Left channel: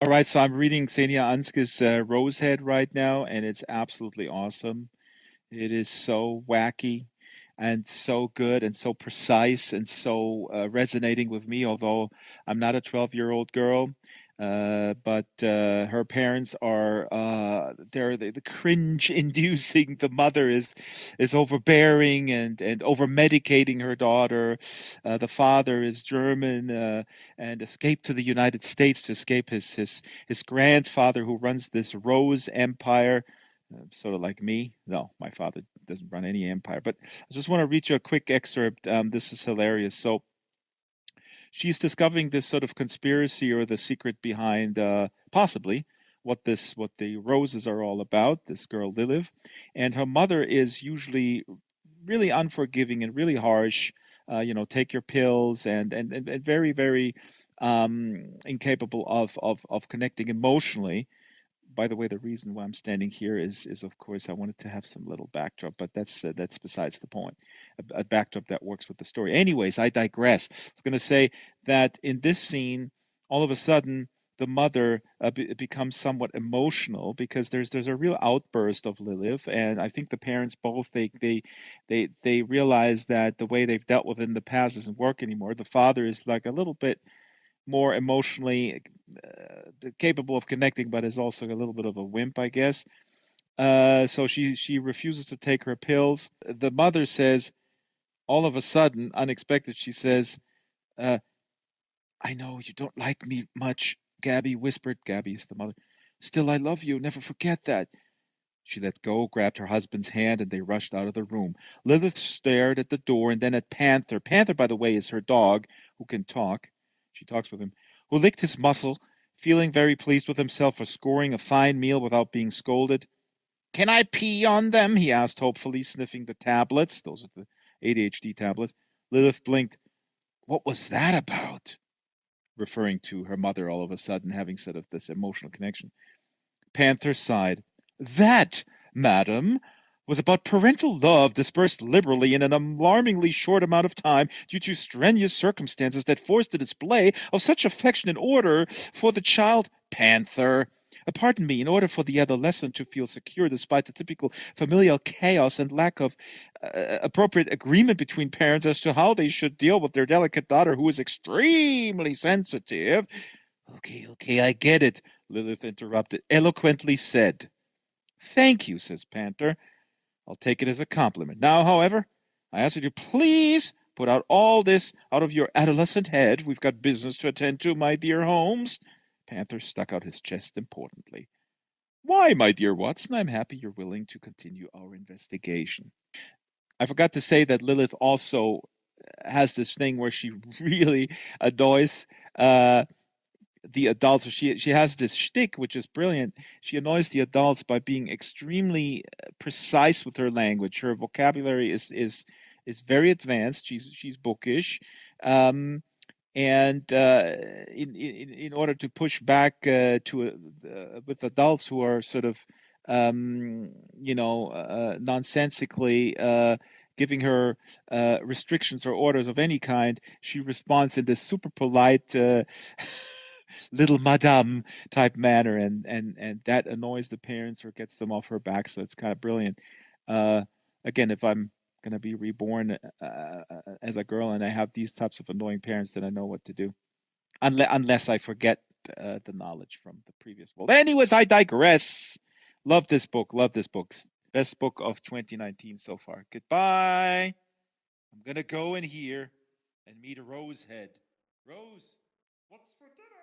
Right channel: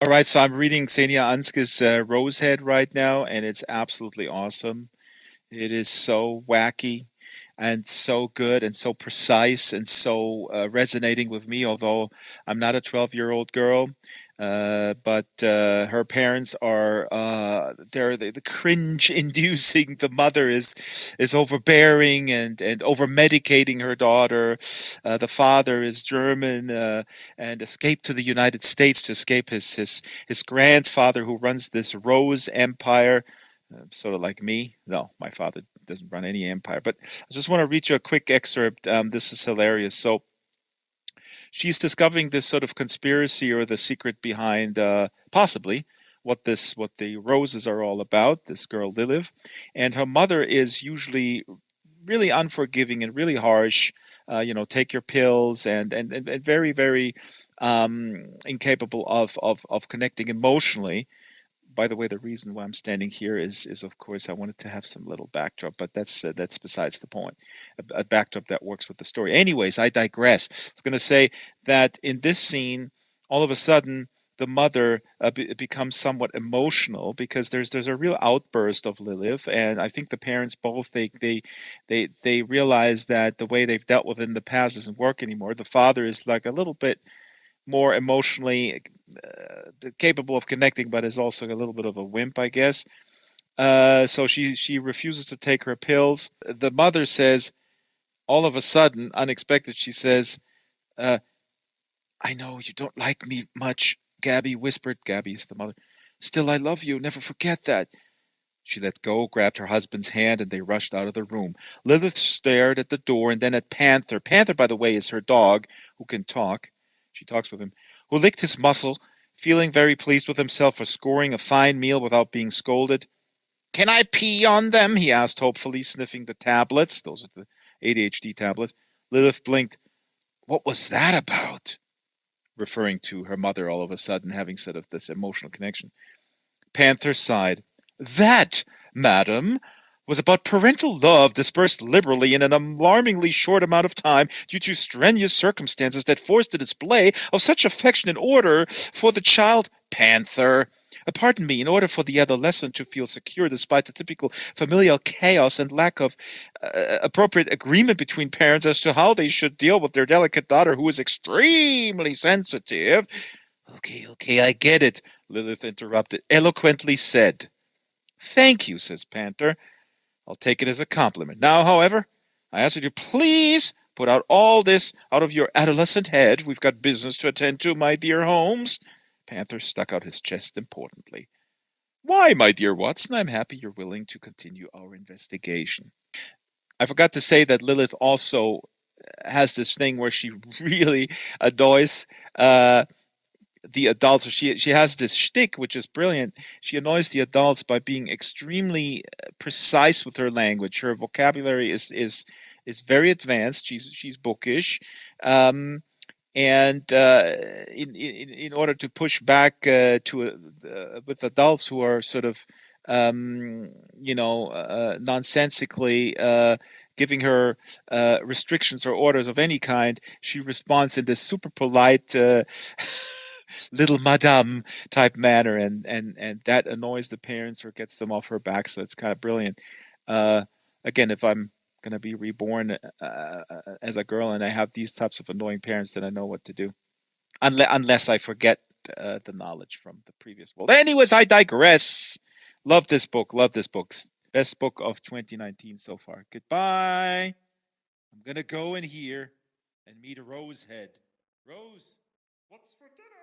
All right, so I'm reading Ksenia Anske's Rosehead right now, and it's absolutely awesome. It is so wacky and so good and so precise and so resonating with me, although I'm not a 12-year-old girl. But her parents are they're the cringe inducing. The mother is overbearing and over medicating her daughter. The father is German and escaped to the United States to escape his grandfather who runs this Rose Empire, sort of like me. No, my father doesn't run any empire. But I just want to read you a quick excerpt. This is hilarious. So she's discovering this sort of conspiracy or the secret behind possibly what the roses are all about. This girl Lilith, and her mother is usually really unforgiving and really harsh. Take your pills and very very incapable of connecting emotionally. By the way, the reason why I'm standing here is of course I wanted to have some little backdrop, but that's besides the point. A backdrop that works with the story. Anyways, I digress. I was going to say that in this scene, all of a sudden the mother becomes somewhat emotional because there's a real outburst of Lilith, and I think the parents both they realize that the way they've dealt with it in the past doesn't work anymore. The father is like a little bit more emotionally capable of connecting, but is also a little bit of a wimp, I guess. So she refuses to take her pills. The mother says, all of a sudden, unexpected, she says, uh, "I know you don't like me much," Gabby whispered. Gabby is the mother. "Still, I love you. Never forget that." She let go, grabbed her husband's hand, and they rushed out of the room. Lilith stared at the door and then at Panther. Panther, by the way, is her dog who can talk. She talks with him. Who licked his muscle, feeling very pleased with himself for scoring a fine meal without being scolded. "Can I pee on them?" he asked hopefully, sniffing the tablets. Those are the ADHD tablets. Lilith blinked. "What was that about?" Referring to her mother all of a sudden having sort of this emotional connection. Panther sighed. "That, madam, was about parental love dispersed liberally in an alarmingly short amount of time due to strenuous circumstances that forced the display of such affection in order for the child." Panther. Pardon me, in order for the adolescent to feel secure despite the typical familial chaos and lack of appropriate agreement between parents as to how they should deal with their delicate daughter who is extremely sensitive. Okay, I get it," Lilith interrupted, eloquently said. "Thank you," says Panther. "I'll take it as a compliment. Now, however, I ask you to please put out all this out of your adolescent head. We've got business to attend to, my dear Holmes." Panther stuck out his chest importantly. "Why, my dear Watson, I'm happy you're willing to continue our investigation." I forgot to say that Lilith also has this thing where she really annoys the adults. So she has this shtick, which is brilliant. She annoys the adults by being extremely precise with her language. Her vocabulary is very advanced. She's bookish, and in order to push back with adults who are sort of nonsensically giving her restrictions or orders of any kind, she responds in this super polite little madame type manner, and that annoys the parents or gets them off her back. So it's kind of brilliant. Uh, Again, if I'm going to be reborn as a girl and I have these types of annoying parents, then I know what to do. Unless I forget the knowledge from the previous world. Anyways, I digress. Love this book. Love this book. Best book of 2019 so far. Goodbye. I'm going to go in here and meet a Rosehead. Rose, what's for dinner?